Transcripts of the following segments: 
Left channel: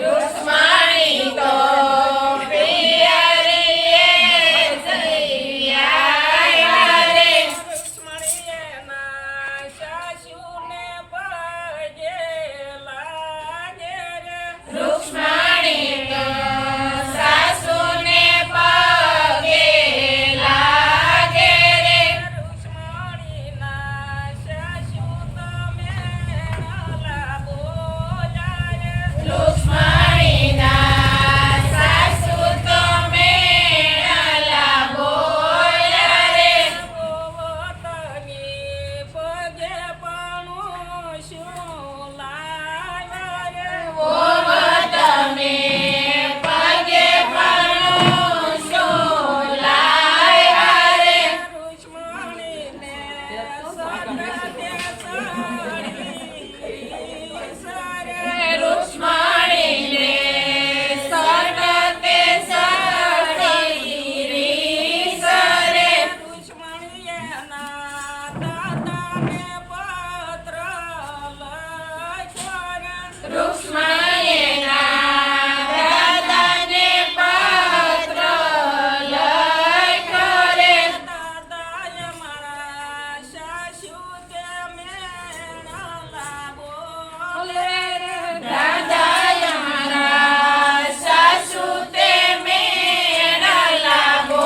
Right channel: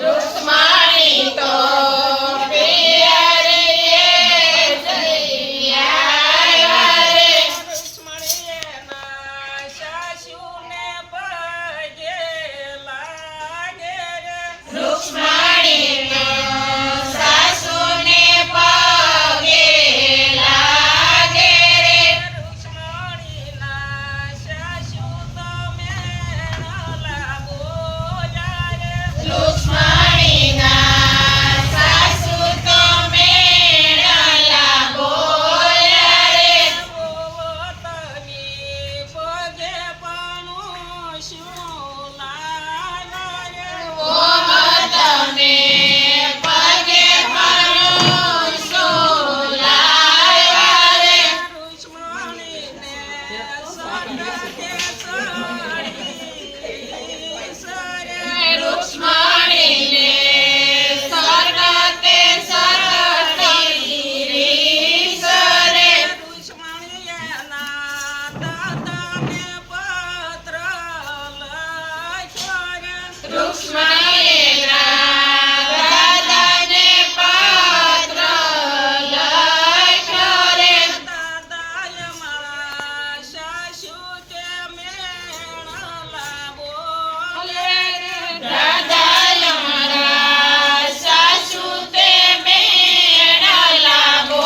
रुक्माणी तो प्रिया रे जइया रे रुक्माणी ना सासू ने पगे लागे रे रुक्माणी तो सासू ने पगे लागे रे रुक्माणी ना सासू तो मेणा लागो जारे रुक्माणी ना सासू तो मेणा लागो जारे गोवतनी पगे पणु શું લાગે રે गोवतने पगे पणु શું લાગ્યા રે रुक्माणी ने रुक्माणी ने सतते सतती सरे रुक्माणी ना दादा ने पत्र लख्यो रे रुक्माणी ना दादा ने पत्र लख्यो रे दादाए मारा सासू ते मेणा लागो લે રે દાદાએ મારા સાસુ તે મેણा लागो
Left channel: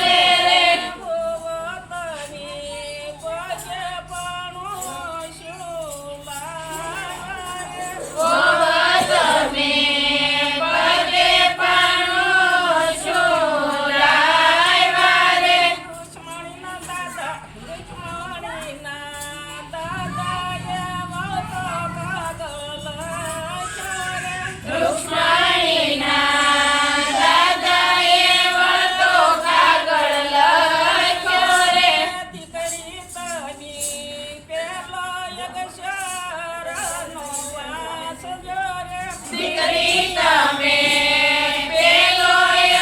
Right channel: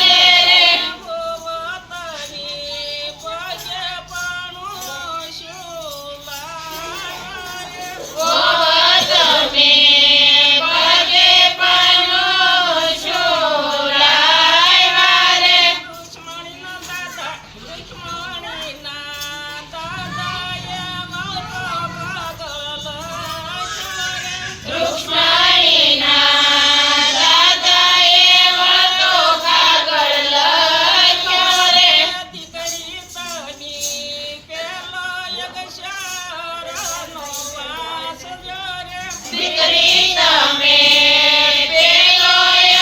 લે રે ગોવતની પગે પણુ શું લાગે ગોવતને પગે પણુ શું લાગ્યા રે रुक्माणीના દાદાએ મોટો કાગળ લખ્યો રે रुक्माणीના દાદાએ મોટો કાગળ લખ્યો રે દીકરી તની પેલો અક્ષરનો વાંચજો રે દીકરી તમે પેલો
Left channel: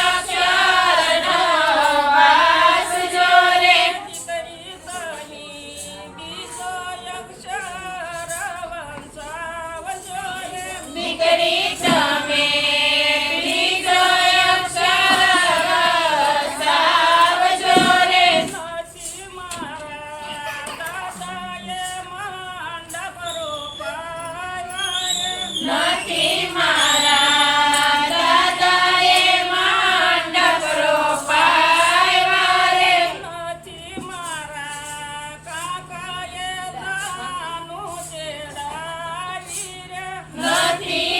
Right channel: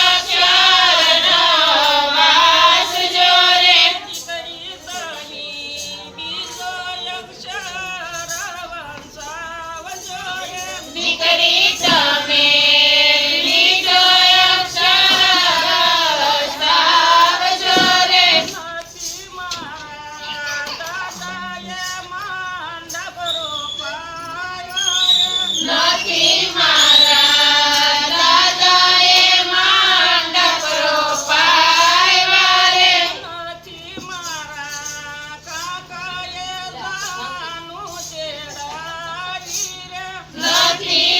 અક્ષરનો વાંચજો રે દીકરી તની બીજો અક્ષર વંચાવજો રે દીકરી તમે બીજો અક્ષર વંચાવજો રે નથી મારા દાદાએ માંડપ રોપાયો રે નથી મારા દાદાએ માંડપ રોપાયો રે નથી મારા કાકાએ દાનું તેડાવી રે નથી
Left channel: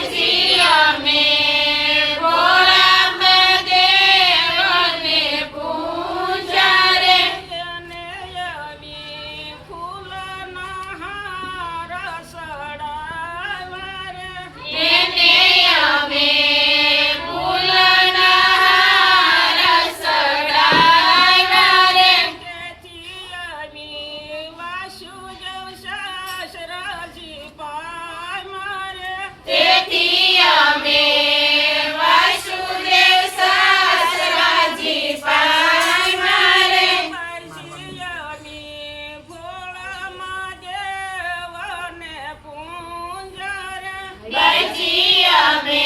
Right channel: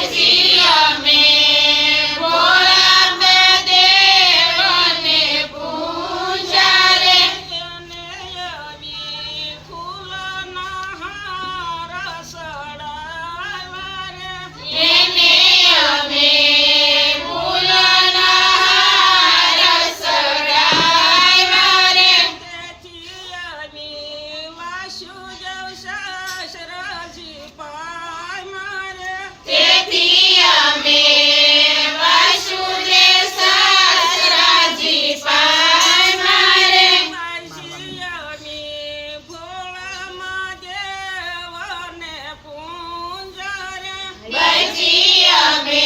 પછી અમે ભોળા દેવને પૂજા રે એને આવી ફૂલના હાર સડાવ્યા રે એને અમે ફૂલના હાર સડાવ્યા રે તેથી આવી વાસુદેવ સસરાજી પામ્યા રે તેથી અમે વાસુદેવ સસરાજી પામ્યા રે પછી અમે ભોળા દેવને પૂજા રે પછી અમે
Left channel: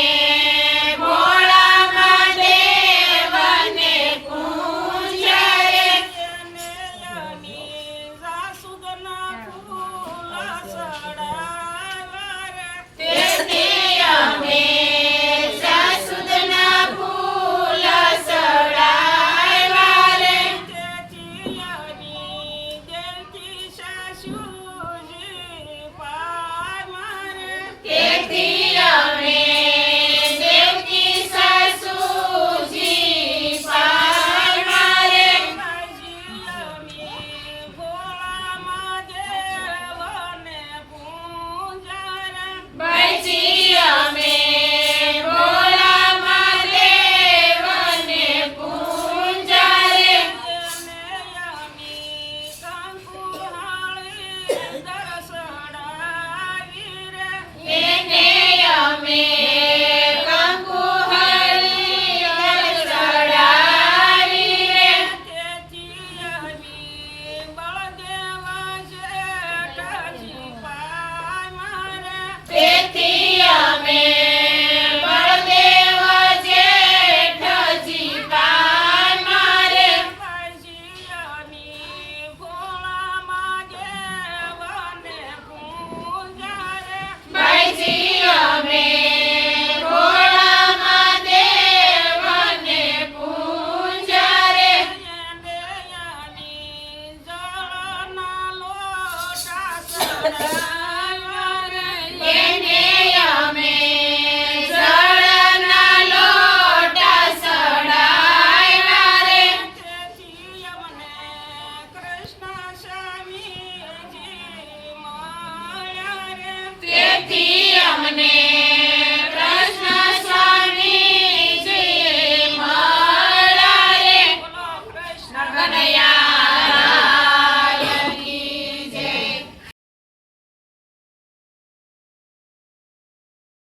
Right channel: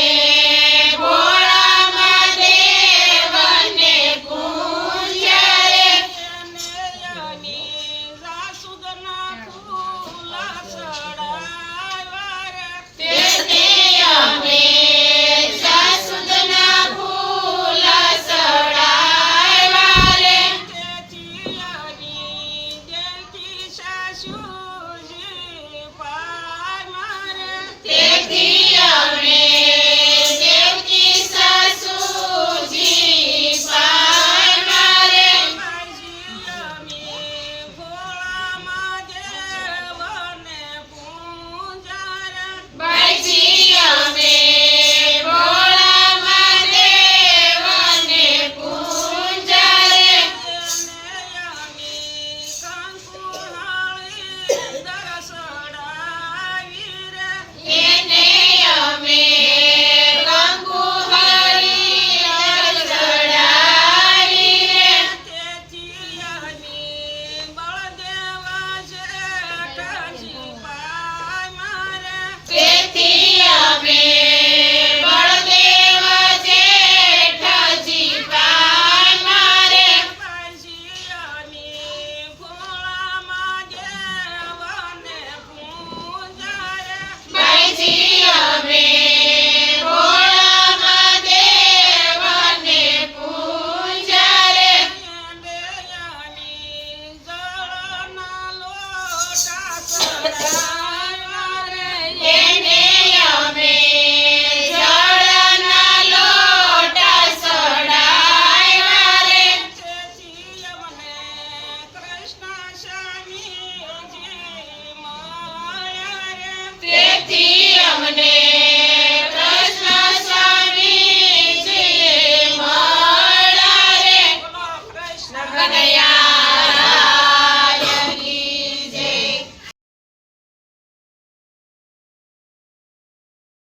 ભોળા દેવને પૂજા રે એને અમે જાસૂદના ફૂલ સડાવ્યા રે તેથી અમે જાસૂદના ફૂલ સડાવ્યા રે તેથી અમે દેવકી સાસુજી પામ્યા રે તેથી અમે દેવકી સાસુજી પામ્યા રે પછી અમે ભોળા દેવને પૂજા રે પછી અમે ભોળા દેવને પૂજા રે એને અમે કંકુહાળી દર્શડાવી રે તેથી અમે બળદેવા જેઠાજી પામ્યા રે તેથી અમે બળદેવ જેઠાજી પામ્યા રે પછી અમે ભોળા દેવને પૂજા રે પછી અમે ભોળા દેવને પૂજા રે એને અમે જળના લોટા સડાવ્યા રે એને અમે જળના લોટા સડાવ્યા રે તેથી અમને કૃષ્ણ સ્વામીજી મળ્યા રે તેથી અમને